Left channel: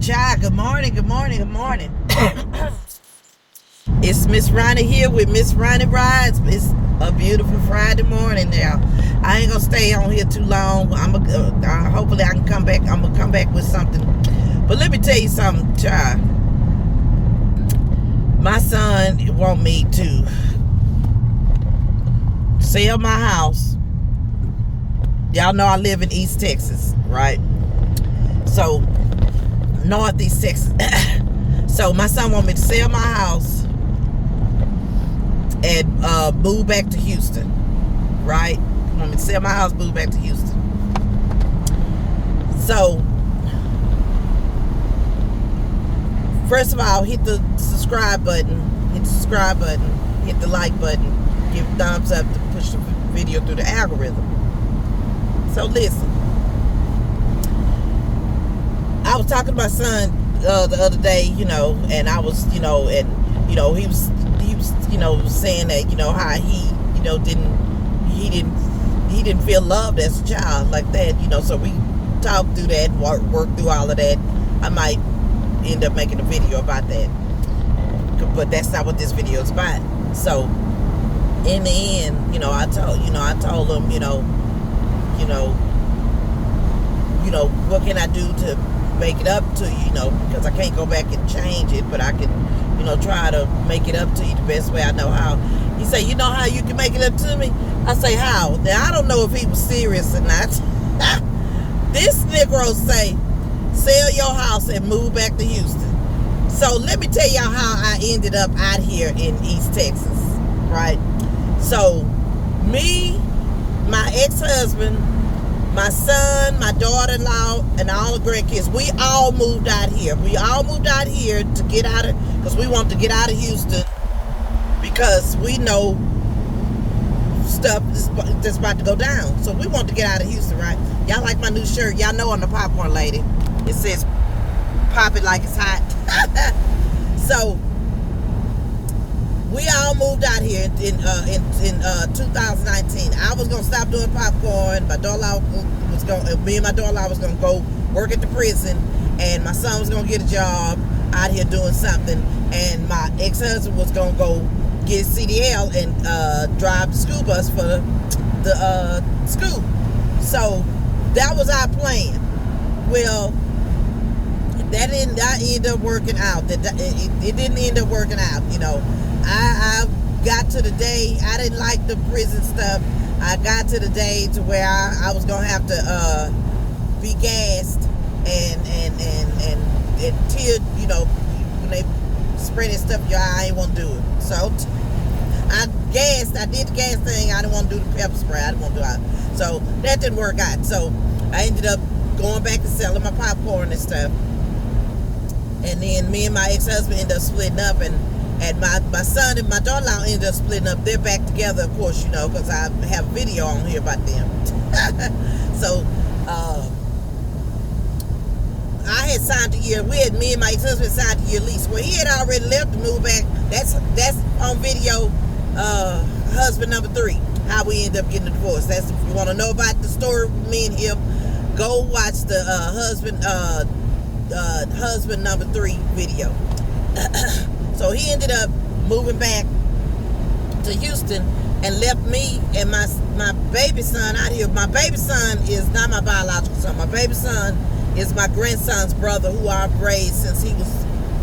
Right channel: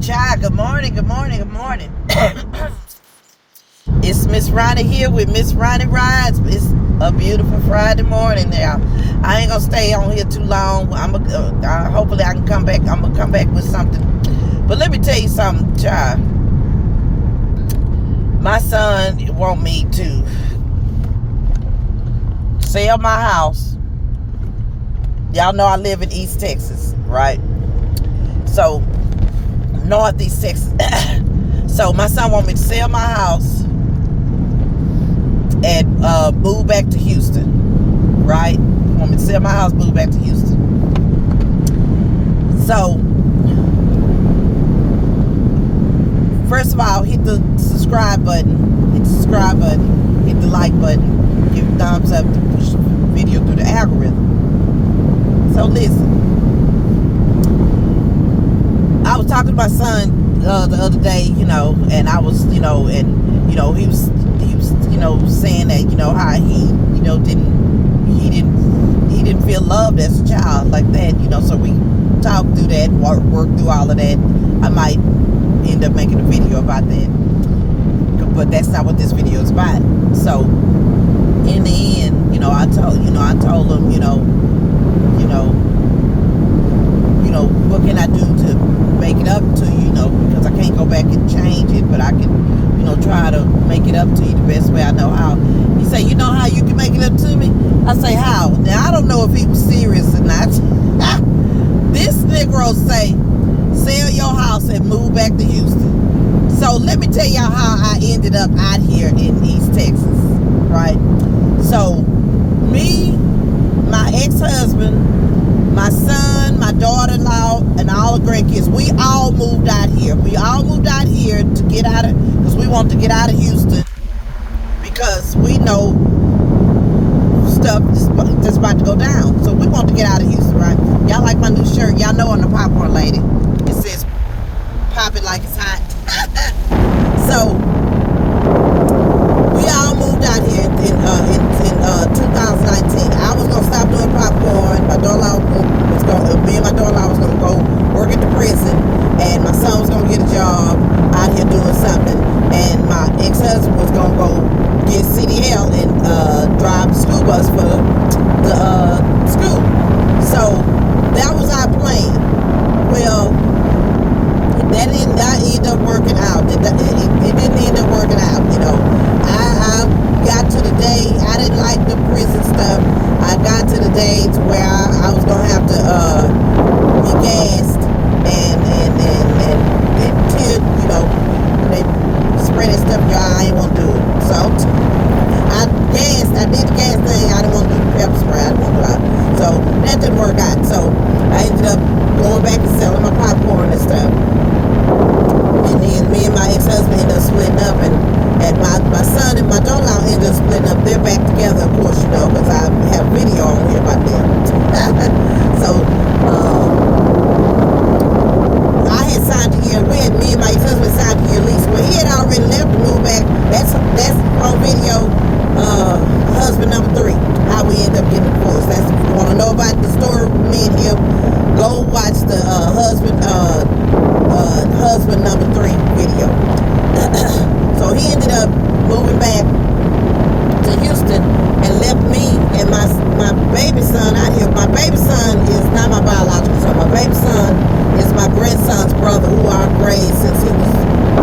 child, good morning, good morning, good morning. It's Miss Ronnie here with Miss Ronnie Rides. It's a beautiful Friday morning now. I ain't gonna stay on here too long. Hopefully I can come back. I'm gonna come back with something. But let me tell you something, child. My son want me to sell my house. Y'all know I live in East Texas, right? So Northeast Texas. So my son want me to sell my house and move back to Houston, right? Want me to sell my house, move back to Houston. So first of all, hit the subscribe button, hit the like button, give a thumbs up to push the video through the algorithm. So listen, I was talking to my son the other day, and I was, he was saying that, how he, didn't feel loved as a child like that, so we talked through that, worked through all of that. I might end up making a video about that, but that's not what this video is about. So in the end, I told him, what can I do to make it up to you, because I can't go back and change it, but I can, try to make it up to you the best way I know how. He said, you know how you can make it up to me? I say, how? Now, I don't know if he was serious or not. This Negro say, sell your house and move back to Houston. So let me tell y'all how I ended up out here in East Texas, right? So me, my ex-husband, my son, my daughter-in-law, and all the grandkids, we all moved out here. We all moved out here to get out of, because we want to get out of Houston, because we know stuff that's about to go down. So we want to get out of Houston, right? Y'all like my new shirt. Y'all know I'm the popcorn lady. It says, pop it like it's hot. So we all moved out here in 2019. I was gonna stop doing popcorn. My daughter-in-law me and my daughter-in-law was gonna go work at the prison, and my son was gonna get a job out here doing something, and my ex-husband was gonna go get CDL and drive the school bus for the school. So that was our plan. Well, that ended up working out. It didn't end up working out, I got to the day, I didn't like the prison stuff. I got to the day to where I was going to have to be gassed and tear, they spray that stuff in your eye. I ain't want to do it. So I did the gas thing. I didn't want to do the pepper spray. I didn't want to do it. So that didn't work out. So I ended up going back and selling my popcorn and stuff. And then me and my ex-husband ended up splitting up, and my son and my daughter-in-law ended up splitting up. They're back together, of course, because I have video on here about them. So I had signed a year. Me and my ex-husband signed a year lease. Well, he had already left to move back. That's on video. Husband number 3. How we end up getting divorced. That's, if you want to know about the story, me and him, go watch the husband number 3 video. So he ended up moving back to Houston and left me and my baby son out here. My baby son is not my biological son. My baby son is my grandson's brother, who I've raised since he was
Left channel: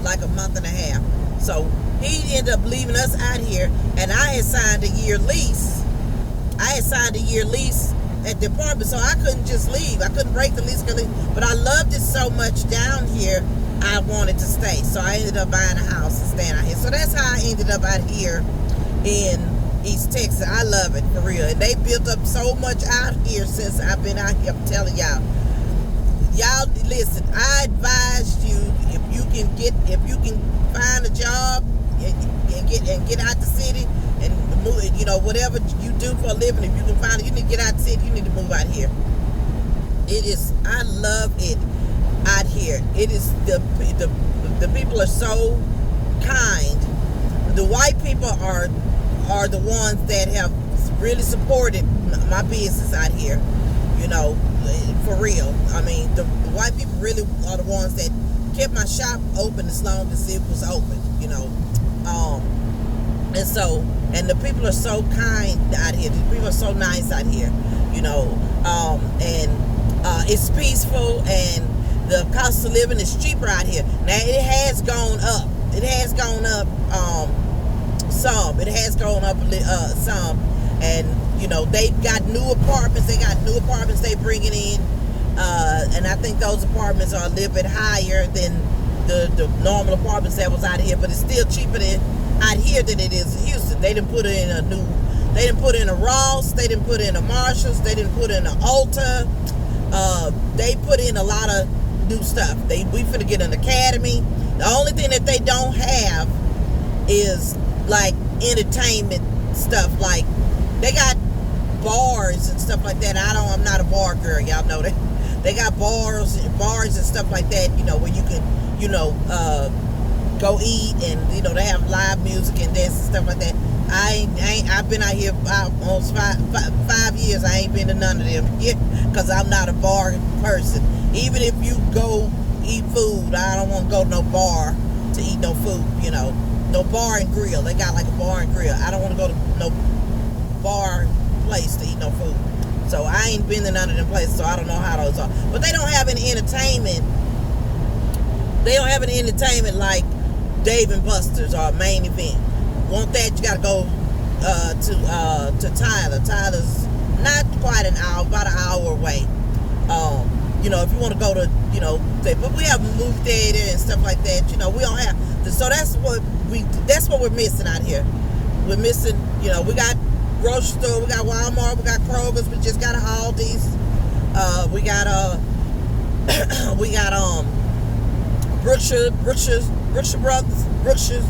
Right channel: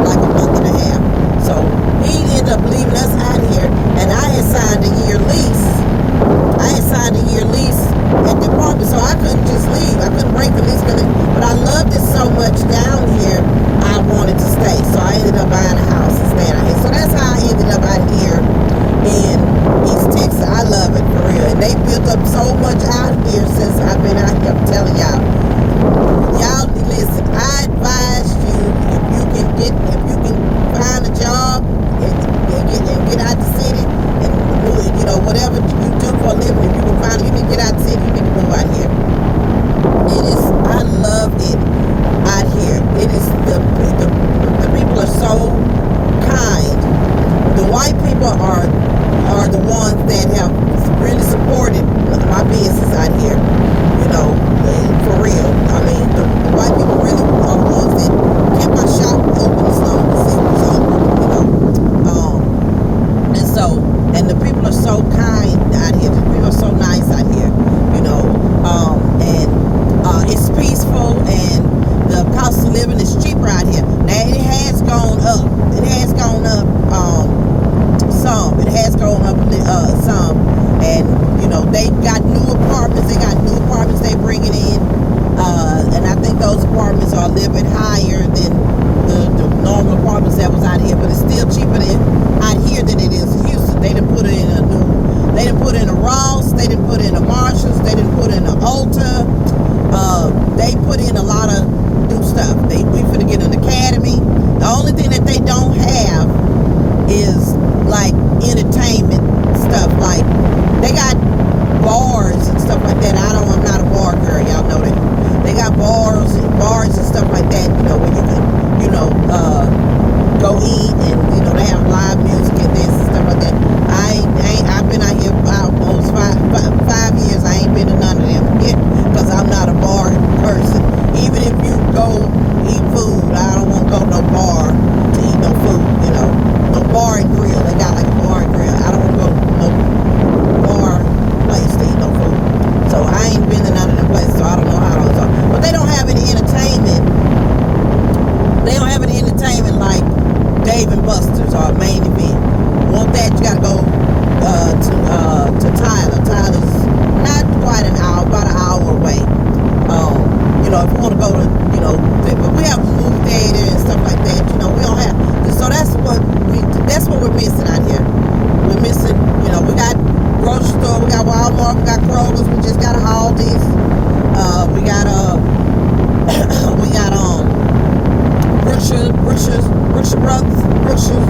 like a month and a half. So he ended up leaving us out here, and I had signed a year lease. At the apartment, so I couldn't just leave. I couldn't break the lease, but I loved it so much down here, I wanted to stay. So I ended up buying a house and staying out here. So that's how I ended up out here in East Texas. I love it, for real. And they built up so much out here since I've been out here. I'm telling y'all. Y'all, listen, I advise you, if you can find a job and get out the city, and whatever you do for a living, if you can find it, you need to get out the city, you need to move out here. I love it out here. It is, the people are so kind. The white people are the ones that have really supported my business out here, for real. living is cheaper out here. Now it has gone up. It has gone up some. It has gone up some. And you know, they got new apartments. They got new apartments they bringing in. And I think those apartments are a little bit higher than the normal apartments that was out here, but it's still cheaper out here than it is in Houston. They didn't put in they didn't put in a Ross, they didn't put in a Marshalls, they didn't put in an Ulta. They put in a lot of new stuff. We finna get an academy. The only thing that they don't have is like entertainment stuff. Like they got bars and stuff like that. I'm not a bar girl, y'all know that. They got bars and stuff like that, you know, where you can, go eat, and you know they have live music and dance and stuff like that. I've been out here almost five years. I ain't been to none of them yet because I'm not a bar person. Even if you go eat food, I don't want to go to no bar to eat no food. You know, no bar and grill. They got like a bar and grill. I don't want to go to no bar place to eat no food. So I ain't been to none of them places, so I don't know how those are. But they don't have any entertainment. They don't have any entertainment like Dave and Buster's or Main Event. Want that, you gotta go to Tyler. Tyler's not quite an hour, about an hour away. You know, if you want to go to, you know, but we have movie theater and stuff like that. You know, we don't have. So that's what we're missing out here. We're missing. You know, we got grocery store, we got Walmart, we got Kroger's, we just got Aldi's. We got Brookshire Brothers, Brookshires,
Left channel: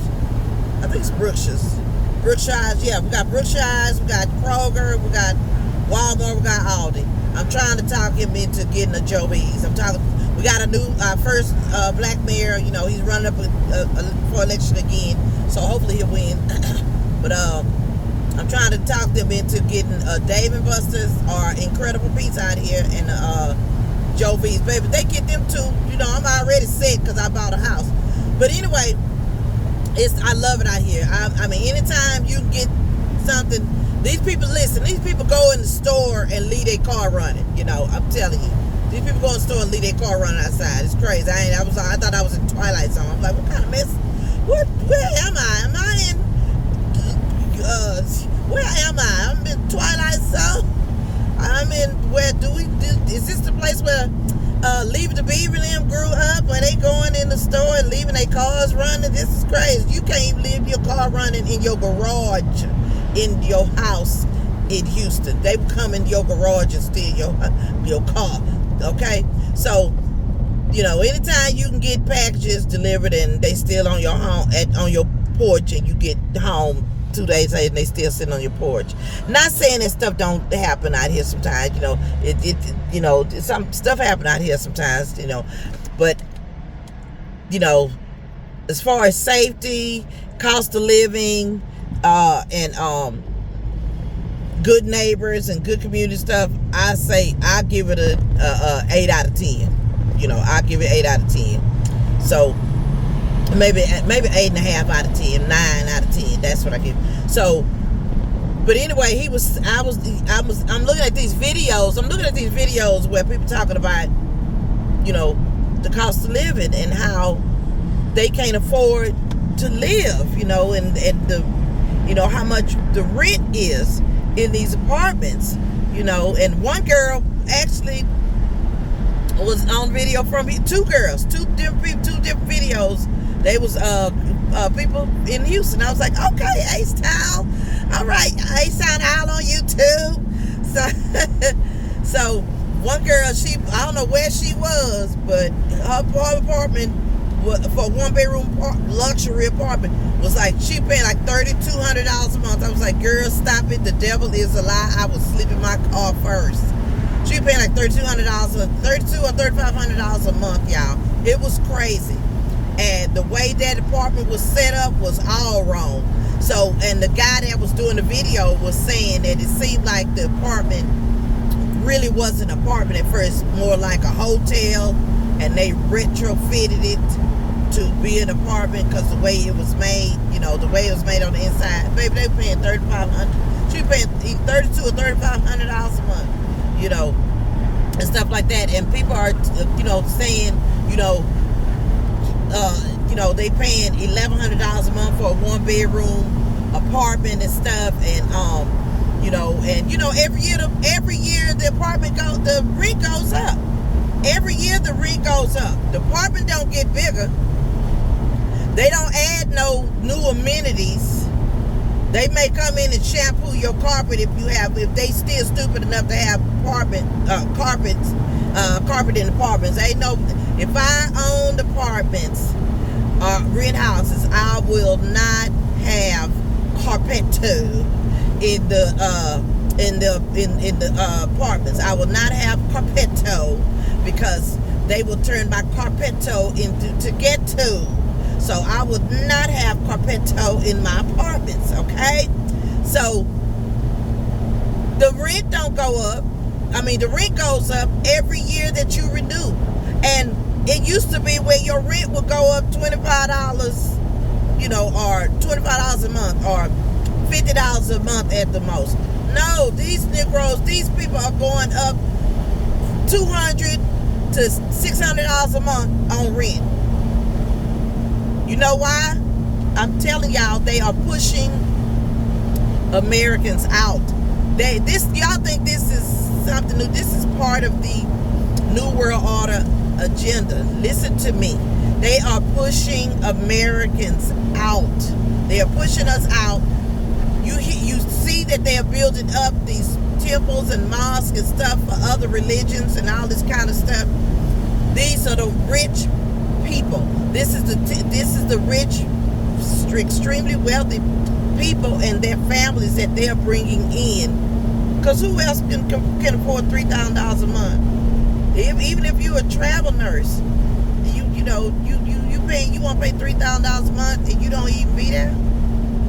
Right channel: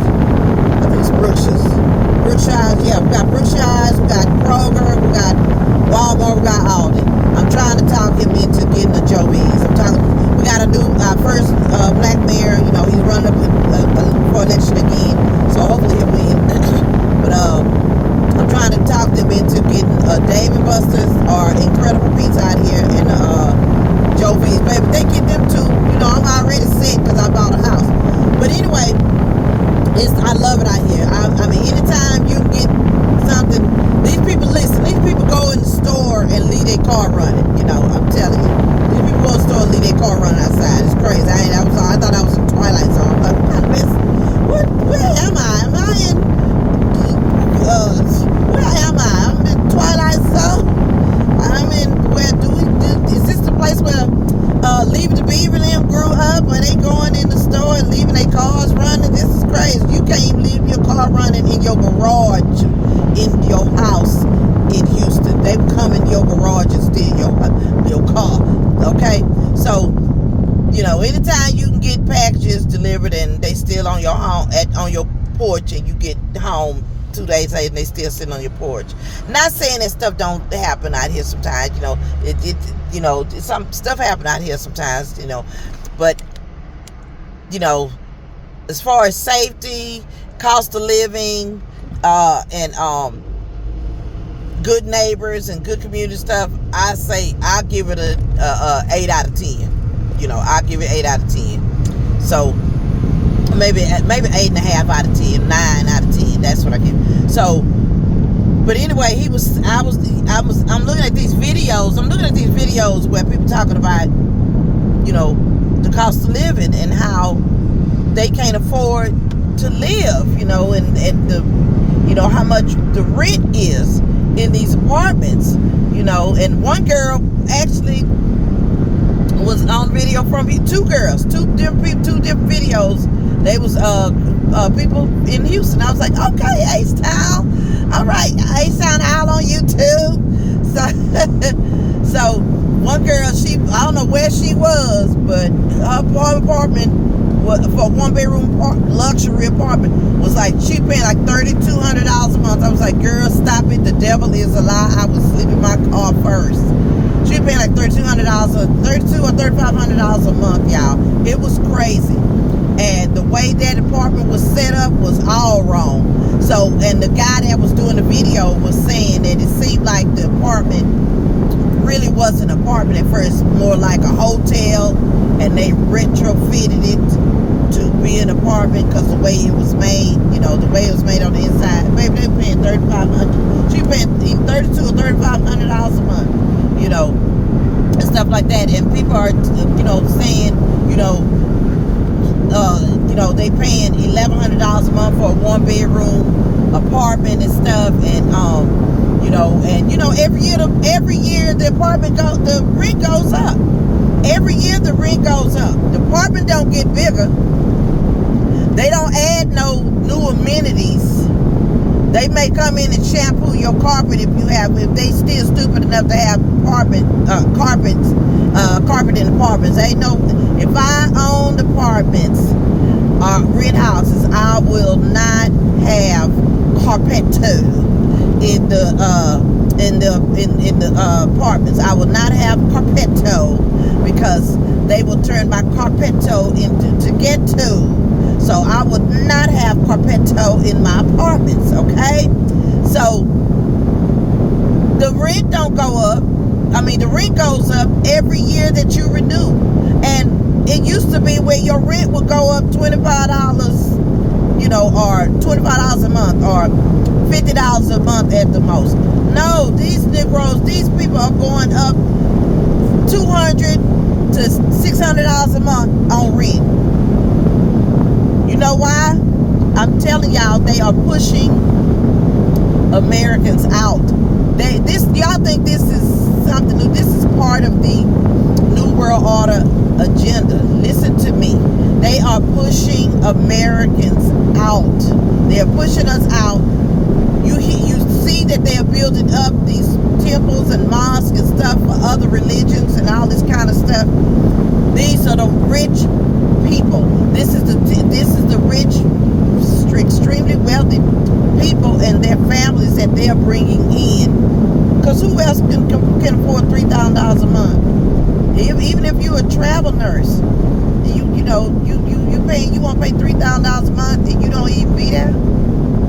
I think it's Brookshires, yeah, we got Brookshires, we got Kroger, we got Walmart, we got Aldi. I'm trying to talk him into getting a Joey's. We got a new, first black mayor, you know, he's running up for election again, so hopefully he'll win. But I'm trying to talk them into getting Dave and Buster's or Incredible Pizza out here and Joe V's. Baby, they get them too. You know, I'm already set because I bought a house. But anyway, I love it out here. I mean, anytime you get something, these people go in the store and leave their car running. You know, I'm telling you. These people go in the store and leave their car running outside. It's crazy. I thought I was in Twilight Zone. I'm like, what kind of mess? Where am I? Am I in... where am I? I'm in Twilight Zone. I'm in is this the place where Leave the Beaver and them grew up, where they going in the store and leaving their cars running? This is crazy. You can't even leave your car running in your garage in your house in Houston. They come in your garage and steal your car. Okay? So, you know, anytime you can get packages delivered and they still on your home on your porch, and you get home 2 days later and they still sitting on your porch. Not saying that stuff don't happen out here sometimes, you know, you know, some stuff happen out here sometimes, you know, but you know, as far as safety, cost of living, and good neighbors and good community stuff, I say I give it a 8 out of 10. You know, I give it 8 out of 10. So maybe 8.5 out of 10, 9 out of 10. That's what I give. So, but anyway, I'm looking at these videos. I'm looking at these videos where people talking about, you know, the cost of living and how they can't afford to live, you know, and the, you know, how much the rent is in these apartments, you know. And one girl actually was on video from two different videos. They was people in Houston. I was like, okay, Ace Town. All right, Ace Town Owl on YouTube. So one girl, I don't know where she was, but her apartment for a 1-bedroom luxury apartment was like, she paying like $3,200 a month. I was like, girl, stop it. The devil is a lie. I was sleeping in my car first. She paying like $3,200 or $3,500 a month, y'all. It was crazy. And the way that apartment was set up was all wrong. So, and the guy that was doing the video was saying that it seemed like the apartment really wasn't an apartment at first, more like a hotel, and they retrofitted it to be an apartment because the way it was made, you know, the way it was made on the inside. Baby, they were paying $3,500. She paying $3,200 or $3,500 a month, you know, and stuff like that. And people are, you know, saying, They paying $1,100 a month for a 1-bedroom apartment and stuff, and every year the rent goes up. Every year the rent goes up. The apartment don't get bigger. They don't add no new amenities. They may come in and shampoo your carpet if they still stupid enough to have carpet in apartments. They know if I owned apartments or rent houses, I will not have carpetto in the apartments. I will not have carpetto because they will turn my carpetto into ghetto. So I would not have carpetto in my apartments, okay? So the rent don't go up. The rent goes up every year that you renew. And it used to be where your rent would go up $25, or $25 a month, or $50 a month at the most. No, these people are going up $200 to $600 a month on rent. You know why? I'm telling y'all, they are pushing Americans out. Y'all think this is something new? This is part of the New World Order agenda. Listen to me. They are pushing Americans out. They are pushing us out. You see that they are building up these temples and mosques and stuff for other religions and all this kind of stuff. These are the rich people. This is the rich, extremely wealthy people and their families that they're bringing in. Because who else can afford $3,000 a month? Even if you're a travel nurse, you want to pay $3,000 a month and you don't even be there.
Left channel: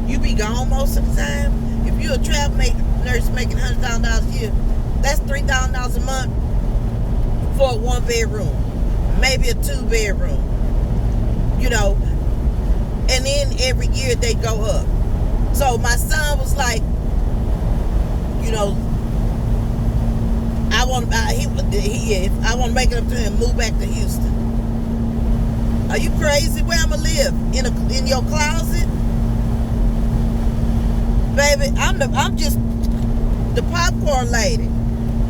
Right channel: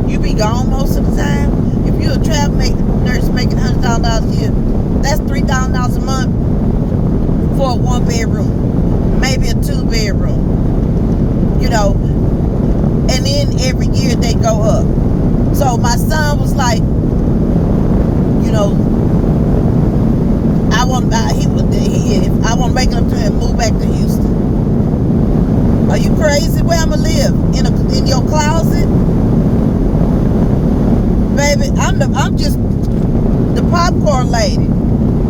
You be gone most of the time. If you're a travel nurse making $100,000 a year, that's $3,000 a month for a 1-bedroom. Maybe a 2-bedroom, and then every year they go up. So my son was like, I want to make it up to him and move back to Houston. Are you crazy? Where I'm gonna live? In your closet, baby? I'm just the popcorn lady.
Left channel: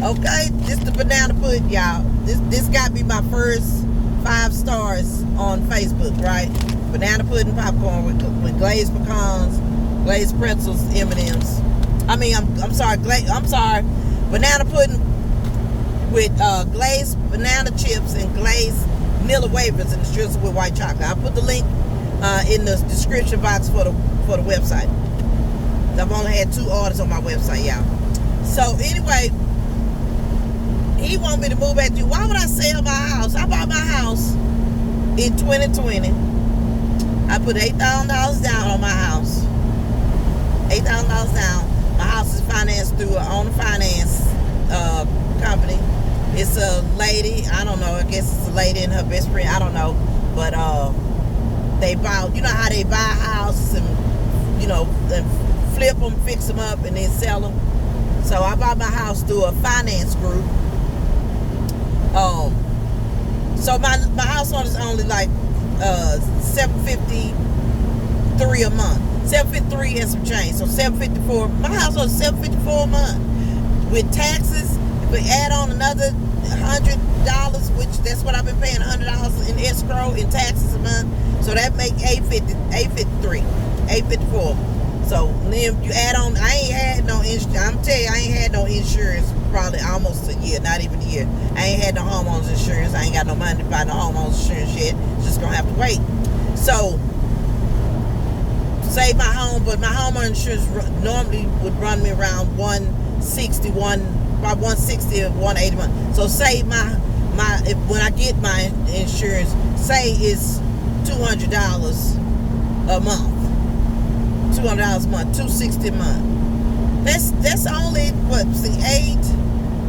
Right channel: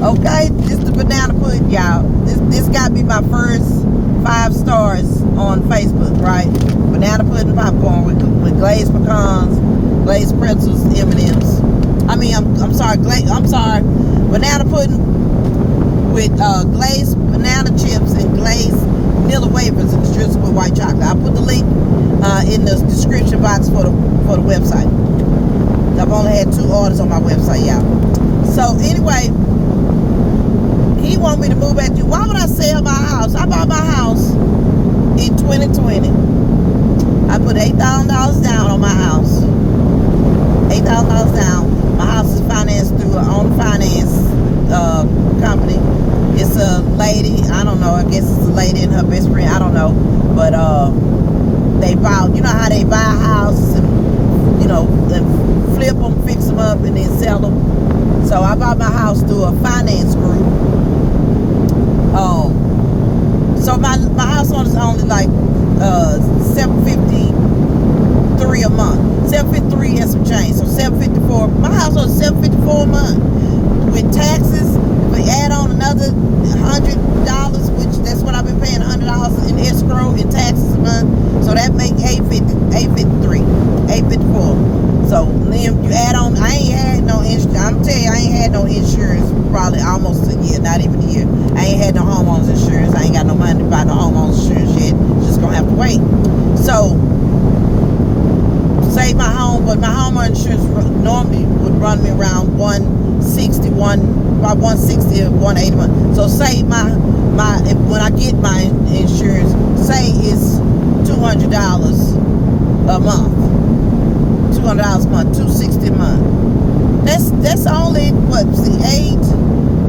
Okay, this the banana pudding, y'all. This got to be my first 5 stars on Facebook, right? Banana pudding popcorn with glazed pecans, glazed pretzels, M&Ms. I'm sorry, banana pudding with glazed banana chips and glazed vanilla wafers and drizzled with white chocolate. I'll put the link in the description box for the website. I've only had 2 orders on my website, y'all. So anyway, he want me to move back to you. Why would I sell my house? I bought my house in 2020. I put $8,000 down on my house. $8,000 down. My house is financed through an owner finance company. It's a lady. I don't know. I guess it's a lady and her best friend. I don't know. But they buy. You know how they buy houses and and flip them, fix them up, and then sell them. So I bought my house through a finance group. So my house is only like $753 a month. $753 and some change. So $754. My house was $754 a month. With taxes, if we add on another $100, which that's what I've been paying, $100 in escrow in taxes a month. So that make $854. So then you add on, I ain't had no insurance. I'm telling you, I ain't had no insurance probably almost a year, not even a year. I ain't had no homeowners insurance. I ain't got no money to buy no homeowners insurance yet. Just gonna have to wait. So save my home, but my homeowner insurance normally would run me around $160 or $180 a month. So say when I get my insurance, say it's $200 a month. $200 a month, $260 a month. That's only 8,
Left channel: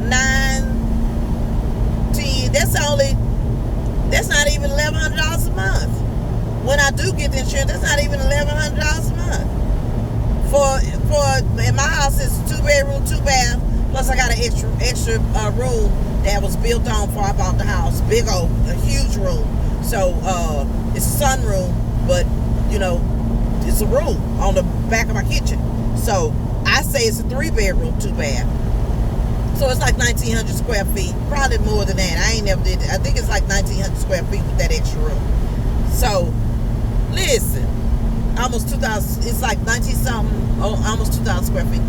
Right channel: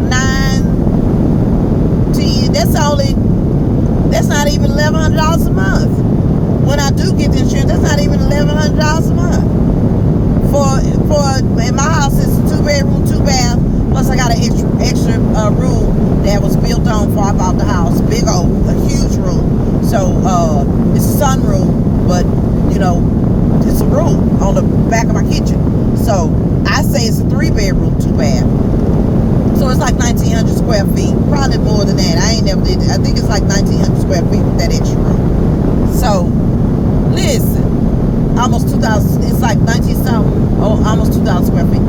9, 10. That's not even $1,100 a month. When I do get the insurance, that's not even $1,100 a month. And my house is 2-bedroom, 2-bath Plus, I got an extra room that was built on before I bought the house. Big old, a huge room. So it's a sunroom, but you know, it's a room on the back of my kitchen. So I say it's a 3-bedroom, 2-bath. So it's like 1,900 square feet. Probably more than that. I ain't never did it. I think it's like 1,900 square feet with that extra room. So listen, almost 2,000. It's like 19 something. Oh, almost 2,000 square feet.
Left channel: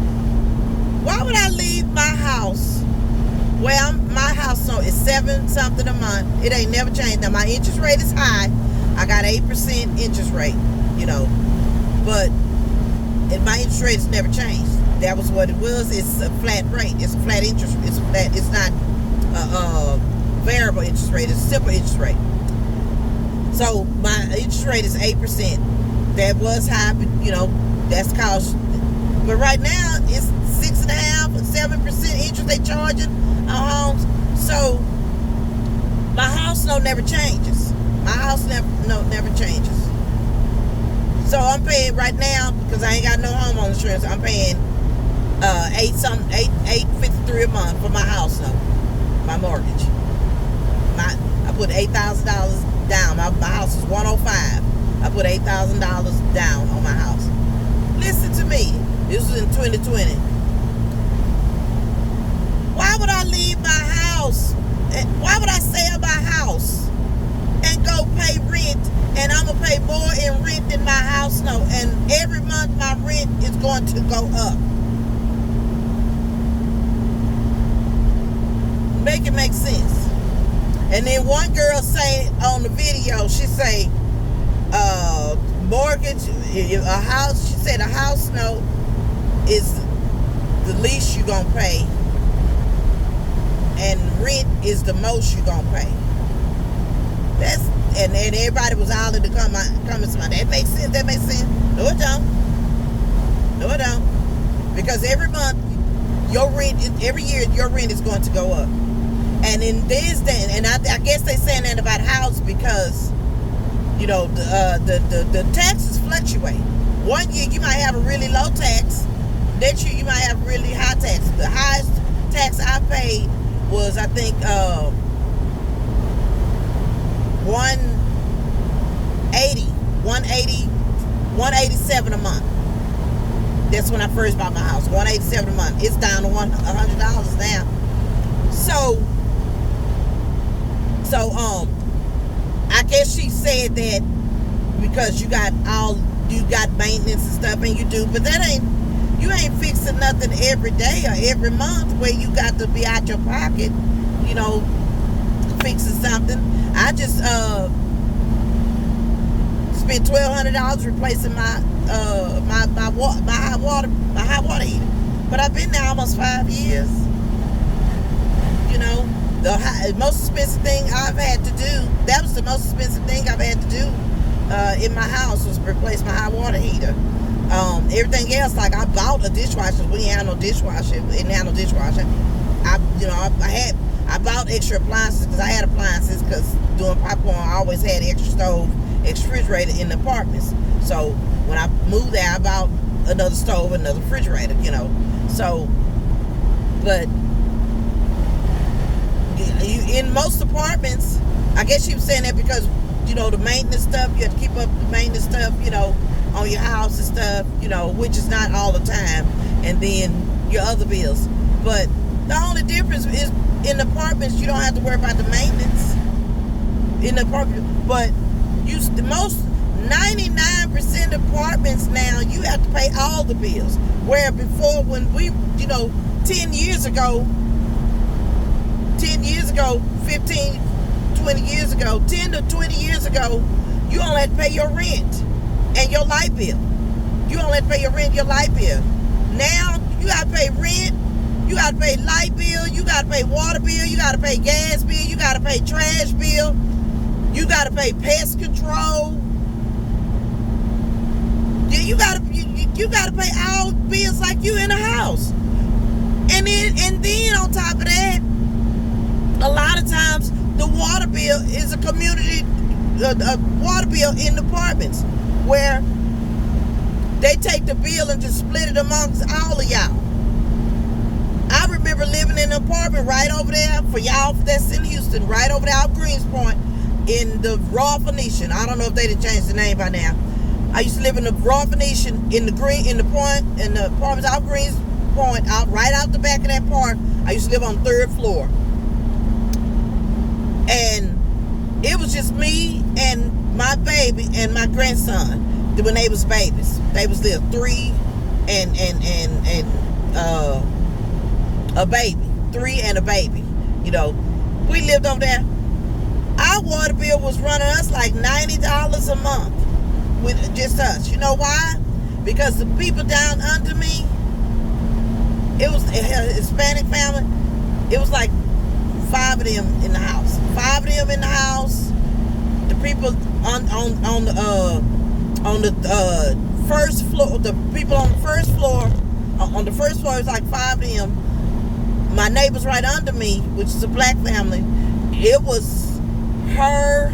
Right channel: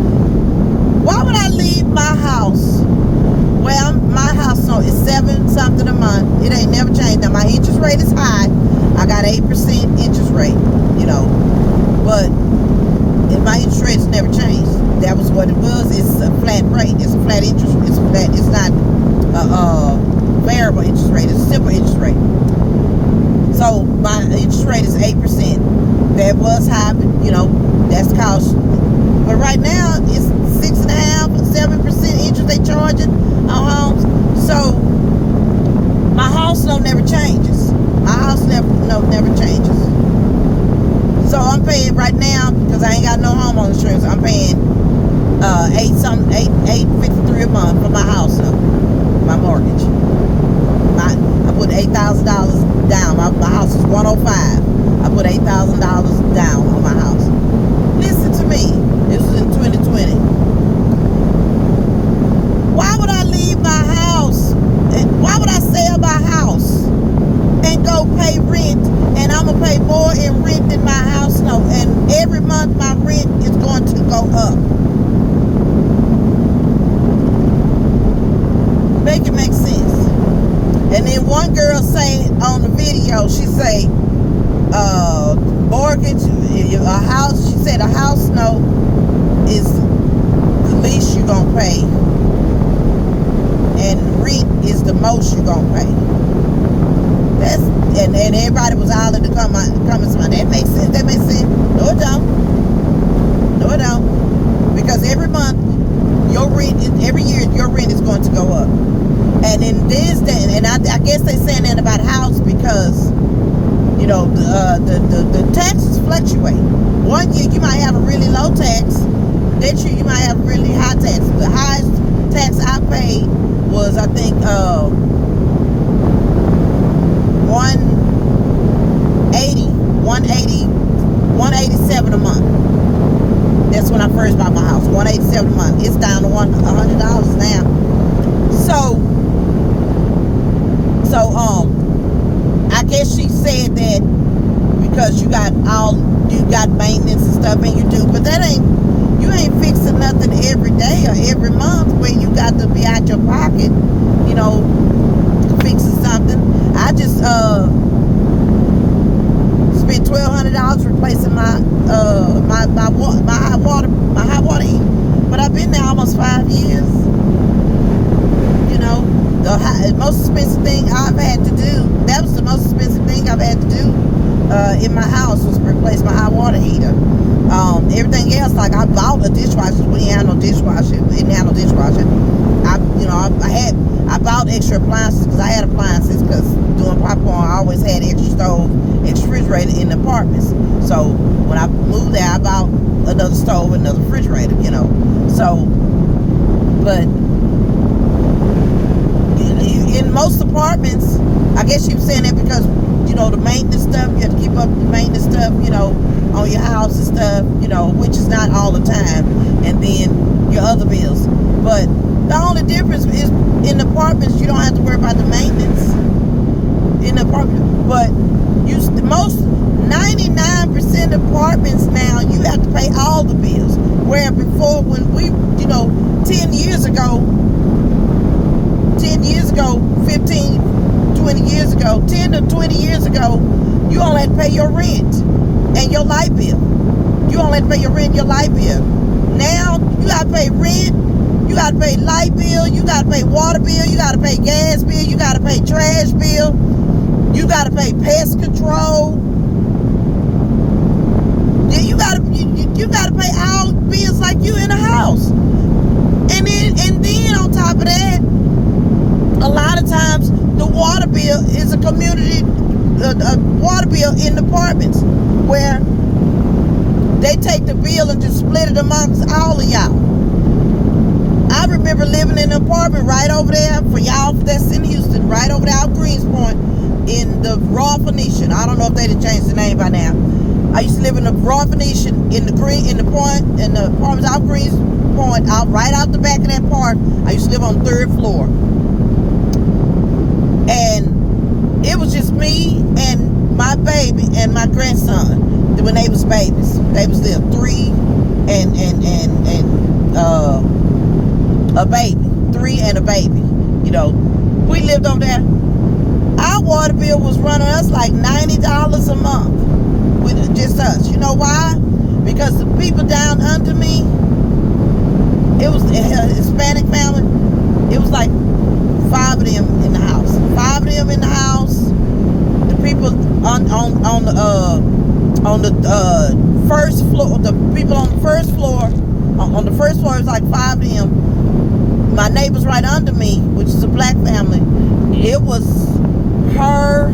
Why would I leave my house? Well, my house no, is 7 something a month. It ain't never changed. Now my interest rate is high. I got 8% interest rate. You know, but my interest rate has never changed. That was what it was. It's a flat rate. It's a flat interest. It's flat. It's not a variable interest rate. It's a simple interest rate. So my interest rate is 8%. That was high, but you know that's the cost. But right now it's 6.5%, 7% interest they charging on homes. So my house never changes. My house never changes. So I'm paying right now because I ain't got no homeowner insurance. I'm paying $853 a month for my house note, my mortgage. I put $8,000 down. My house is $105. I put $8,000 down on my house. Listen to me. This was in 2020. Why would I leave my house? Why would I sell my house and go pay rent? And I'm gonna pay more in rent than my house note. And every month my rent is going to go up. Make it make sense. And then one girl say on the video, she say, mortgage, a house, she said a house note is the least you're gonna pay. And rent is the most you're gonna pay. That's and everybody was hollering to come and say, that makes sense, that makes sense. No, it don't. No, it don't. Because every month, every year, your rent is going to go up. And in this day, and I guess they saying that about house because, you know, the taxes fluctuate. One year you might have a really low tax. Next year you might have a really high tax. The highest tax I paid was, I think, 187 a month. That's when I first bought my house. 187 a month. It's down to $100 now. So I guess she said that because you got maintenance and stuff, and you do, but you ain't fixing nothing every day or every month where you got to be out your pocket, you know, fixing something. I just spent $1,200 replacing my high water heater, but I've been there almost 5 years. You know, the most expensive thing I've had to do. That was the most expensive thing I've had to do in my house was replace my high water heater. Everything else, like I bought a dishwasher. We didn't have no dishwasher. I bought extra appliances because I had appliances because doing popcorn I always had extra stove, extra refrigerator in the apartments. So when I moved there, I bought another stove, another refrigerator, you know. So, but in most apartments, I guess she was saying that because, you know, the maintenance stuff, you have to keep up the maintenance stuff, you know, on your house and stuff, you know, which is not all the time, and then your other bills. But the only difference is in apartments, you don't have to worry about the maintenance in the apartment. But most 99% of apartments now, you have to pay all the bills. Where before, when we, you know, 10 years ago, 15, 20 years ago, 10 to 20 years ago, you only had to pay your rent and your light bill. You only had to pay your rent and your light bill. Now, you got to pay rent, you got to pay light bill, you got to pay water bill, you got to pay gas bill, you got to pay trash bill, you got to pay pest control. Yeah, you got to pay all bills like you in a house. And then on top of that, a lot of times the water bill is a community water bill in the apartments where they take the bill and just split it amongst all of y'all. I remember living in an apartment right over there, for y'all that's in Houston, right over there out Greenspoint, in the Raw Phoenician. I don't know if they done changed the name by now. I used to live in the Raw Phoenician in the apartments out Greenspoint, right out the back of that park. I used to live on the 3rd floor. And it was just me and my baby and my grandson when they was babies. They was little 3 and a baby. 3 and a baby. You know, we lived over there. Our water bill was running us like $90 a month with just us. You know why? Because the people down under me, it was a Hispanic family. It was like 5 of them in the house. 5 of them in the house. The people on the first floor. The people on the first floor. On the first floor, it was like 5 of them. My neighbors right under me, which is a black family. It was her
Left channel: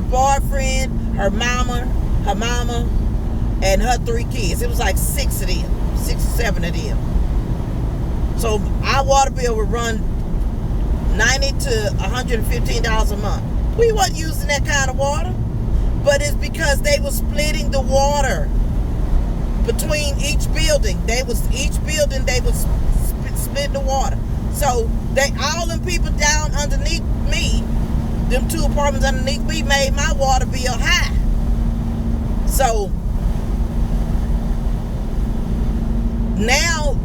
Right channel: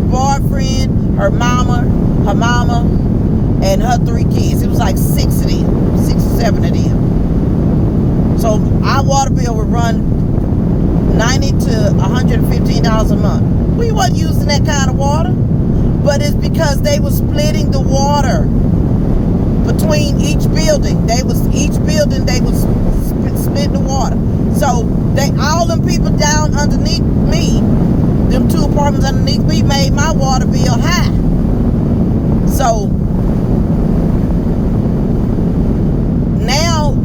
boyfriend, her mama, and her 3 kids. It was like 6 of them, 6 or 7 of them. So our water bill would run $90 to $115 a month. We wasn't using that kind of water, but it's because they were splitting the water between each building. They was splitting the water. So all them people down underneath me, them 2 apartments underneath me, made my water bill high. So now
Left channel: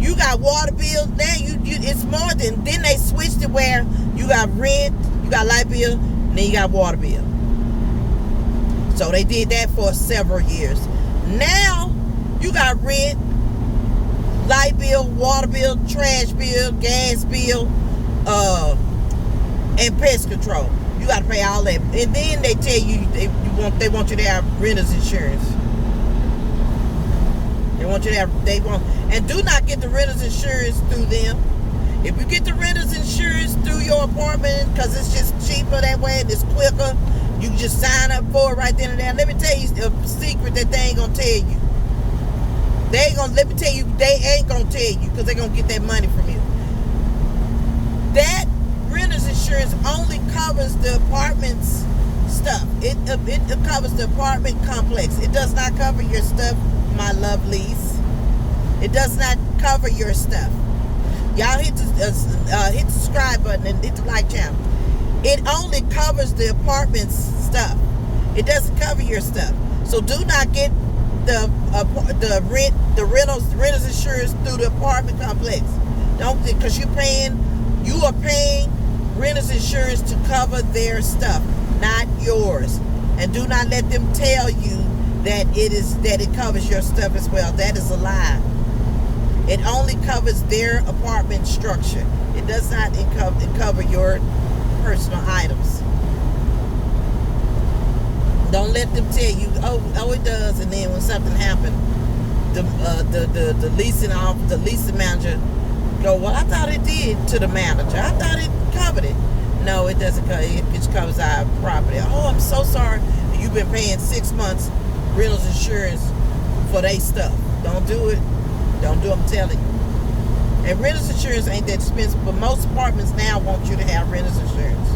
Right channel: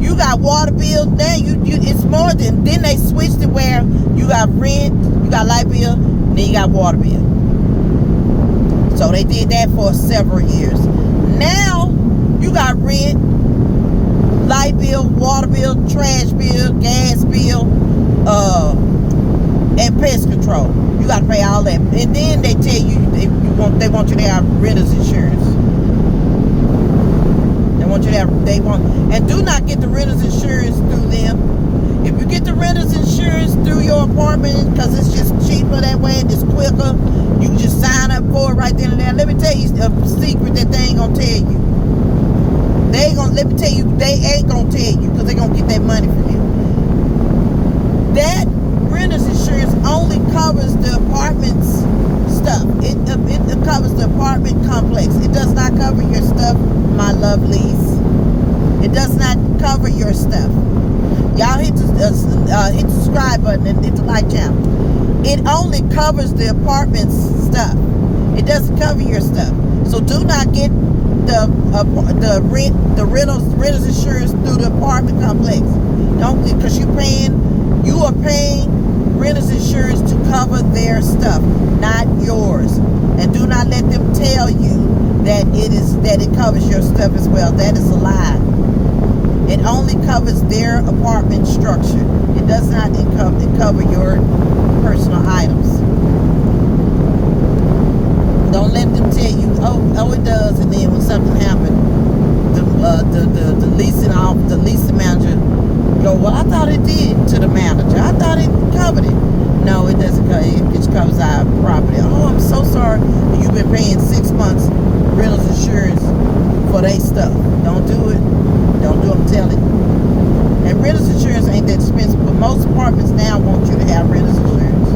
you got water bills. Now it's more than. Then they switched it where you got rent, you got light bill, and then you got water bill. So they did that for several years. Now you got rent, light bill, water bill, trash bill, gas bill, and pest control. You got to pay all that. And then they tell you they want you to have renter's insurance. And do not get the renter's insurance through them. If you get the renter's insurance through your apartment, because it's just cheaper that way and it's quicker, you can just sign up for it right then and there. Let me tell you a secret that they ain't gonna tell you. They ain't gonna tell you because they're gonna get that money from you. That renter's insurance only covers the apartment's stuff. It covers the apartment complex. It does not cover your stuff, my lovelies. It does not cover your stuff. Y'all hit the subscribe button and hit the like channel. It only covers the apartment's stuff. It doesn't cover your stuff. So do not get the renter's insurance through the apartment complex. Don't, because you are paying renter's insurance to cover their stuff, not yours. And do not let them tell you that it covers your stuff as well. That is a lie. It only covers their apartment structure. It does not cover your personal items. Don't let them tell you, oh, it does, and then when something happened, the leasing manager go, well, I thought it did, to the manager. I thought it covered it. No, it doesn't cover it. It just covers our property. Oh, I'm so sorry. You've been paying 6 months renter's insurance for their stuff. Don't do it. Don't do, I'm telling you. And renter's insurance ain't that expensive, but most apartments now want you to have renter's insurance.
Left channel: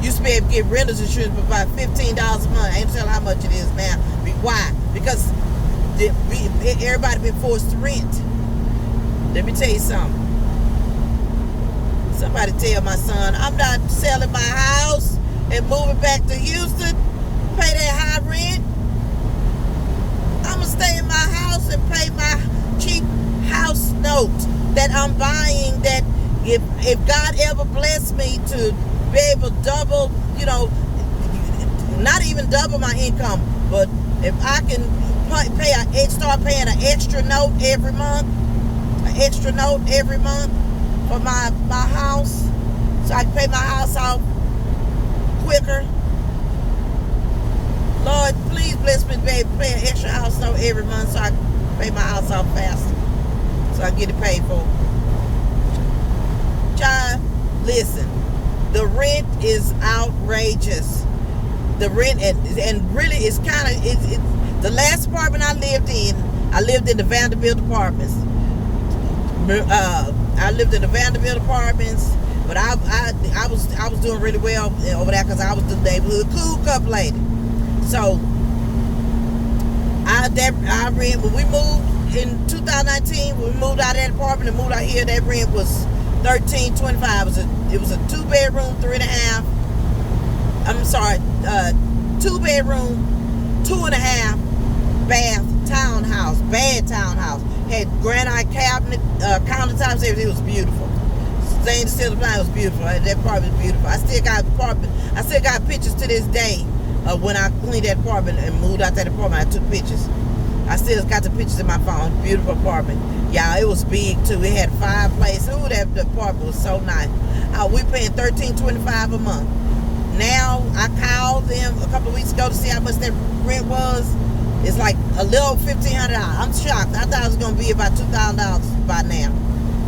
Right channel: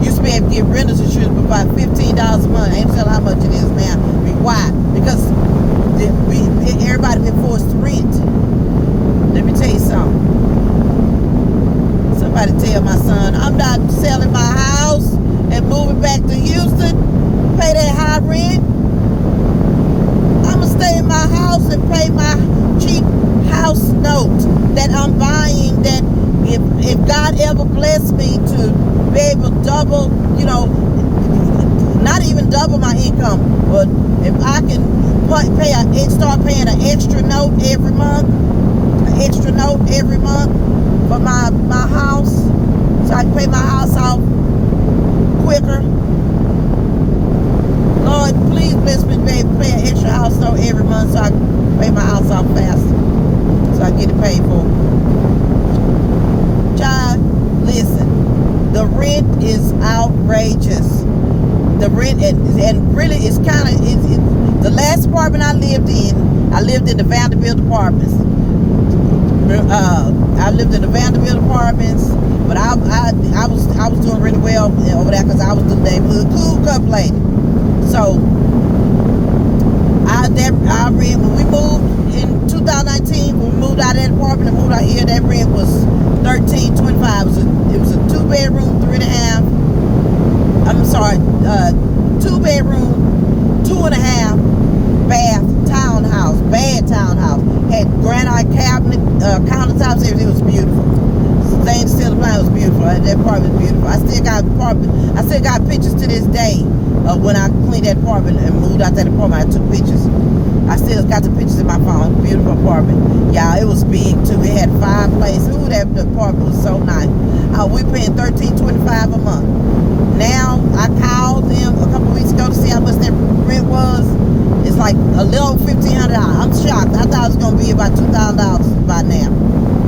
You should be able to get renter's insurance for about $15 a month. I ain't telling how much it is now. Why? Because everybody been forced to rent. Let me tell you something. Somebody tell my son, I'm not selling my house and moving back to Houston, pay that high rent. I'm going to stay in my house and pay my cheap house note that I'm buying, that if God ever bless me to be able to double, not even double my income, but if I can start paying an extra note every month for my house, so I can pay my house off quicker. Lord, please bless me to be able to pay an extra house note every month so I can pay my house off faster, so I get it paid for. Child, listen, the rent is outrageous. The rent, and really it's kind of, the last apartment I lived in, I lived in the Vanderbilt apartments. I lived in the Vanderbilt apartments, but I was doing really well over there because I was the neighborhood cool cup lady. So I rent when we moved in 2019. When we moved out of that apartment and moved out here, that rent was $13.25. It was a 2-bedroom, 3.5. I'm sorry, 2-bedroom, 2.5 bath townhouse, bad townhouse. Had granite cabinet, countertops, everything was beautiful. Stainless steel appliance was beautiful. That apartment was beautiful. I still got pictures to this day of when I cleaned that apartment and moved out that apartment. I took pictures. I still got the pictures in my phone. Beautiful apartment. Yeah, it was big too. It had 5 places. Ooh, the apartment was so nice. We paying $13.25 a month. Now I called them a couple of weeks ago to see how much that rent was. It's like a little $1,500. I'm shocked. I thought it was gonna be about $2,000 by now.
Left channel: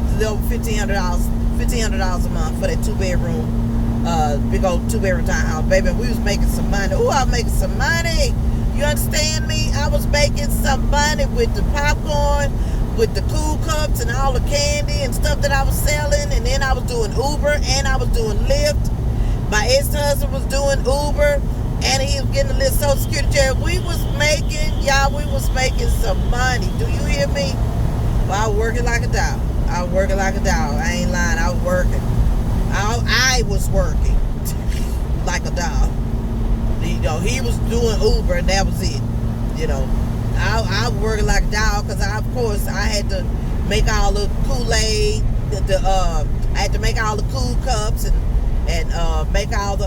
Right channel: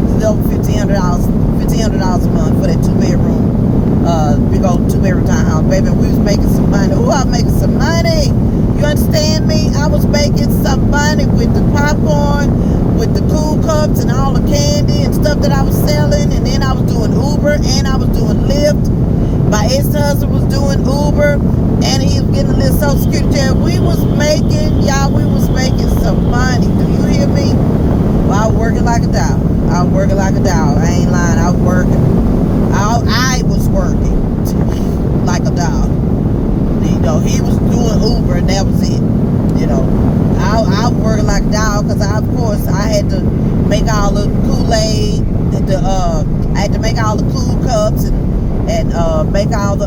It's a little $1,500 a month for that 2-bedroom, big old 2-bedroom townhouse. Baby, we was making some money. Ooh, I was making some money. You understand me? I was making some money with the popcorn, with the cool cups and all the candy and stuff that I was selling. And then I was doing Uber and I was doing Lyft. My ex-husband was doing Uber and he was getting a little Social Security check. We was making some money. Do you hear me? Well, I was working like a dog. I ain't lying. I was working. I was working like a dog. You know, he was doing Uber and that was it. You know, I was working like a dog because of course I had to make all the Kool-Aid. I had to make all the cool cups and make all the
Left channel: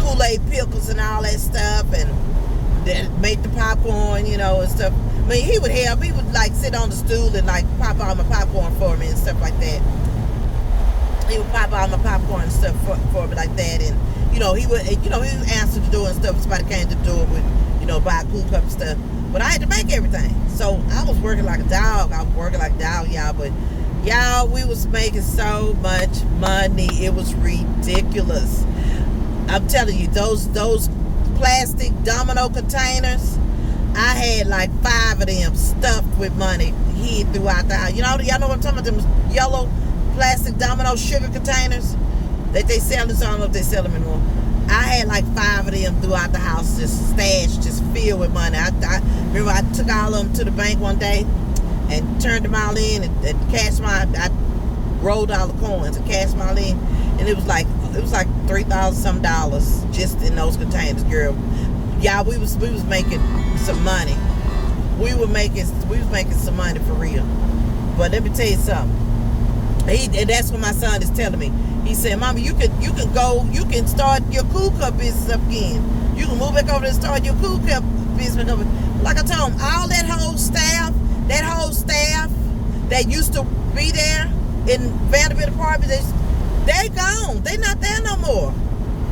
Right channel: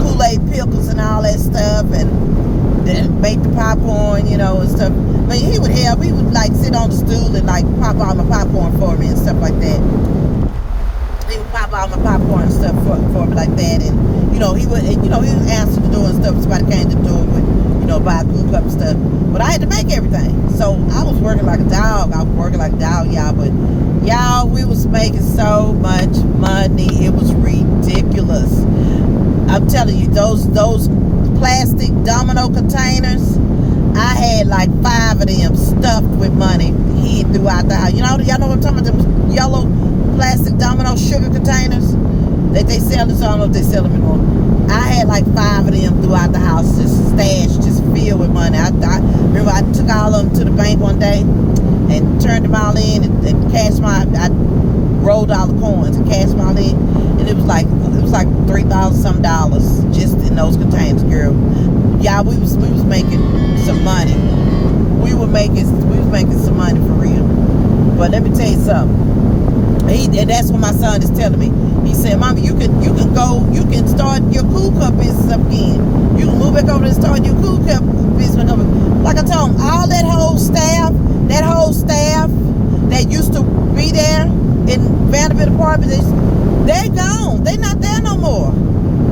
Kool-Aid pickles and all that stuff, and then make the popcorn, you know, and stuff. But he would help. He would like sit on the stool and like pop all my popcorn for me and stuff like that. He would pop all my popcorn and stuff for me like that, and he would answer the door and stuff. Somebody came to the door with, buy a cool cup and stuff. But I had to make everything, so I was working like a dog. Y'all. But y'all, we was making so much money. It was ridiculous. I'm telling you, those plastic domino containers, I had like 5 of them stuffed with money hid throughout the house. Y'all know what I'm talking about? Them yellow plastic domino sugar containers that they sell. I don't know if they sell them anymore. I had like 5 of them throughout the house, just stashed, just filled with money. I remember I took all of them to the bank one day and turned them all in and cashed I rolled all the coins and cashed them all in, and it was like $3,000 some just in those containers, girl. Yeah, we was making some money. We was making some money for real. But let me tell you something. And that's what my son is telling me. He said, "Mama, you can start your cool cup business up again. You can move back over there and start your cool cup business up." Like I told him, all that whole staff that used to be there in Vanderbilt apartments, they gone. They not there no more.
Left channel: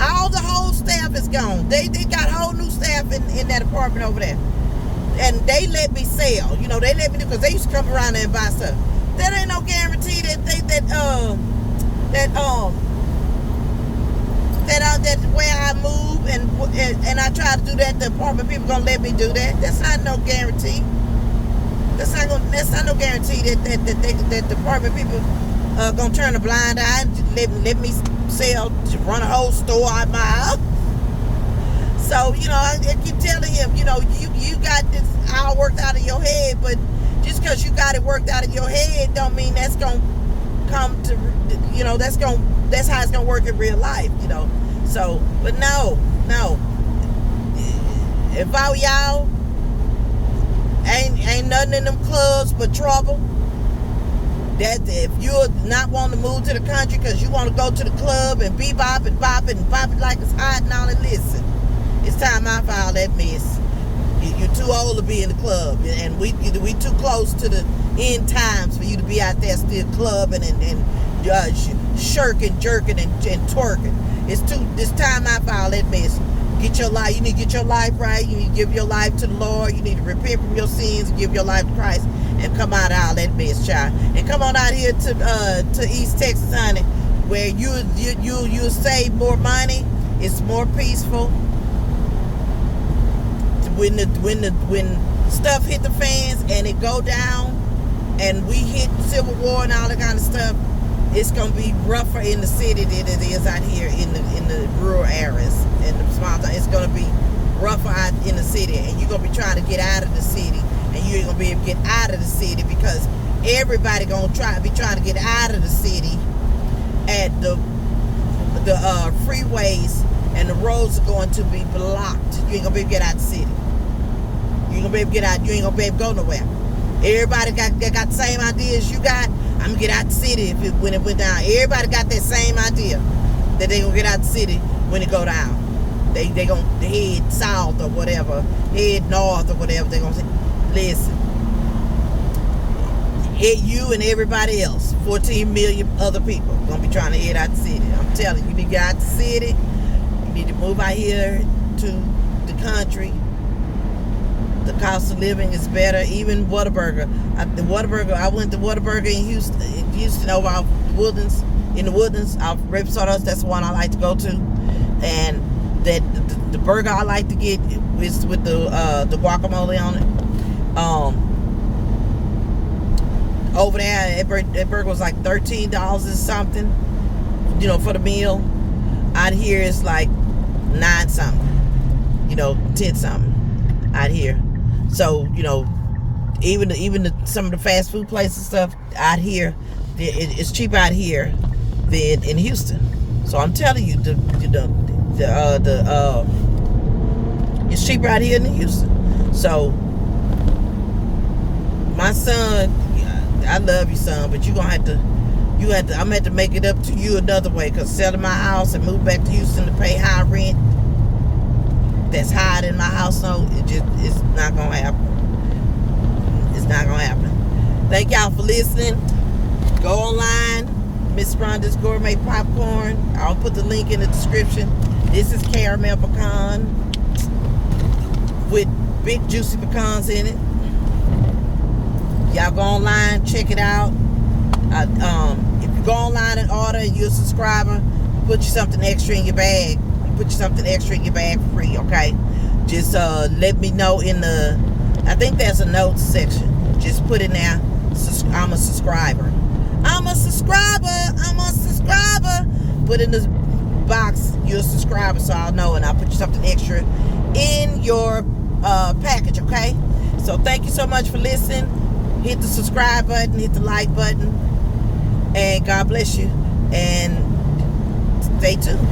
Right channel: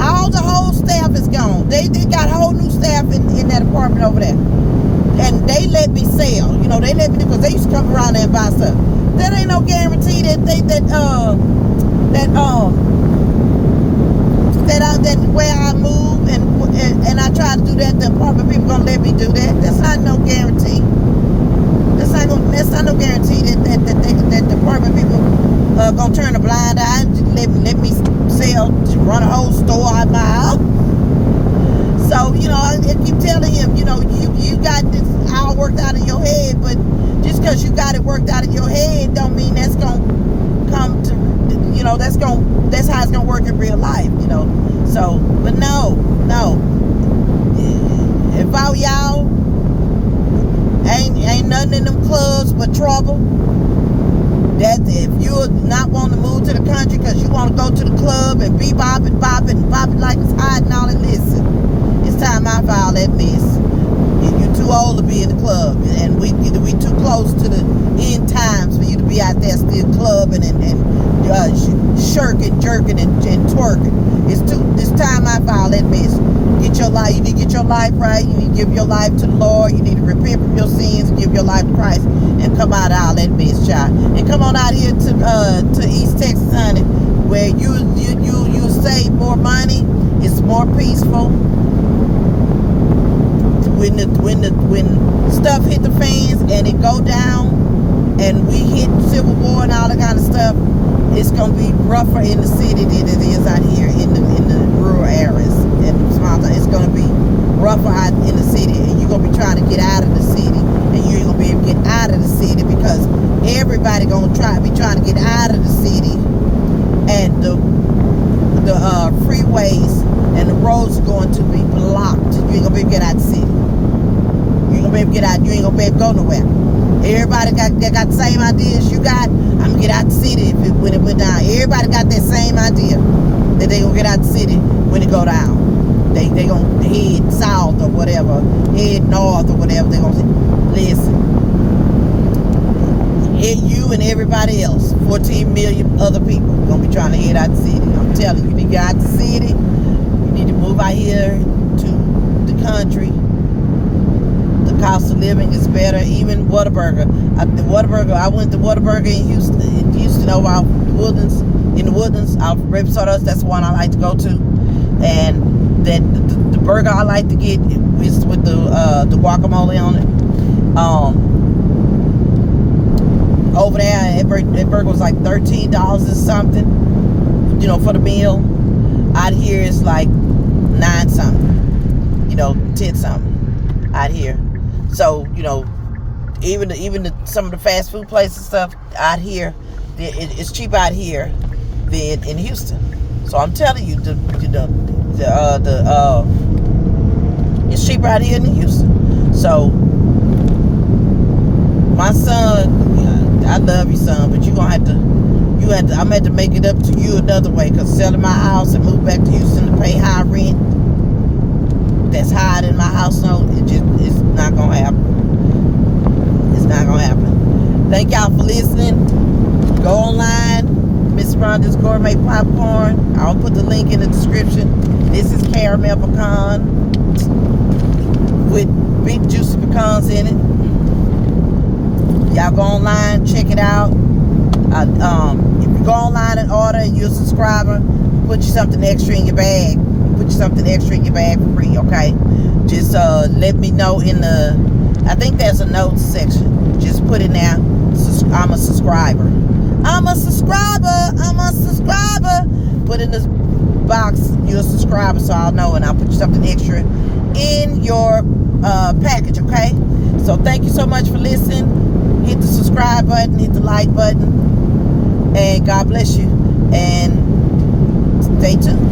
All the whole staff is gone. They got whole new staff in that apartment over there. And they let me sell. They let me do, because they used to come around there and buy stuff. That ain't no guarantee that where I move and I try to do that, the apartment people gonna let me do that. That's not no guarantee. That's not no guarantee that the apartment people gonna turn a blind eye and let me sell, run a whole store out my house. So I keep telling him, you got this all worked out in your head, but just because you got it worked out in your head don't mean that's gonna come to, that's how it's gonna work in real life, So, but no. If I were y'all, ain't nothing in them clubs but trouble. That if you're not wanting to move to the country because you want to go to the club and bebop and bop it like it's hot and all that, listen, it's time I file that mess. You're too old to be in the club, and we too close to the end times for you to be out there still clubbing and shirking, jerking, and twerking. It's time I file that mess. Get your life. You need to get your life right. You need to give your life to the Lord. You need to repent from your sins and give your life to Christ and come out of all that mess, child. And come on out here to East Texas, honey, where you save more money. It's more peaceful. when stuff hit the fans and it go down, and we hit civil war and all that kind of stuff, it's gonna be rougher in the city than it is out here in the rural areas and the small towns. It's gonna be rougher out in the city, and you're gonna be trying to get out of the city, and you ain't gonna be able to get out of the city because everybody gonna be trying to get out of the city, and the freeways and the roads are going to be blocked. You ain't gonna be able to get out of the city. You ain't gonna be able to get out. You ain't gonna be able to go nowhere. Everybody got the same idea as you got. I'm gonna get out the city when it went down. Everybody got that same idea that they gonna get out the city when it go down. They gonna head south or whatever, head north or whatever. They gonna say, listen, you and everybody else, 14 million other people gonna be trying to head out the city. I'm telling you, you need to get out the city. You need to move out here to the country. The cost of living is better. Even Whataburger. I went to Whataburger in Houston over out the Woodlands. In the Woodlands, out Repsol, that's the one I like to go to. And that the burger I like to get is with the guacamole on it. Over there, that burger was like $13 or something, for the meal. Out here it's like 9 something, 10 something out here. So, even some of the fast food places and stuff out here, it's cheaper out here than in Houston. So I'm telling you, it's cheaper out here than Houston. So my son, I love you, son, but I'm gonna have to make it up to you another way, because selling my house and move back to Houston to pay high rent that's higher than my house, no, it's not gonna happen. It's not gonna happen. Thank y'all for listening. Go online, Miss Rhonda's Gourmet Popcorn. I'll put the link in the description. This is caramel pecan with big juicy pecans in it. Y'all go online, check it out. If you go online and order and you're a subscriber, put you something extra in your bag. Put you something extra in your bag for free, okay? Just let me know I think there's a notes section. Just put in there, I'm a subscriber. I'm a subscriber. Put in the box, you're a subscriber, so I'll know, and I'll put you something extra in your package, okay? So thank you so much for listening. Hit the subscribe button, hit the like button, and God bless you, and stay tuned.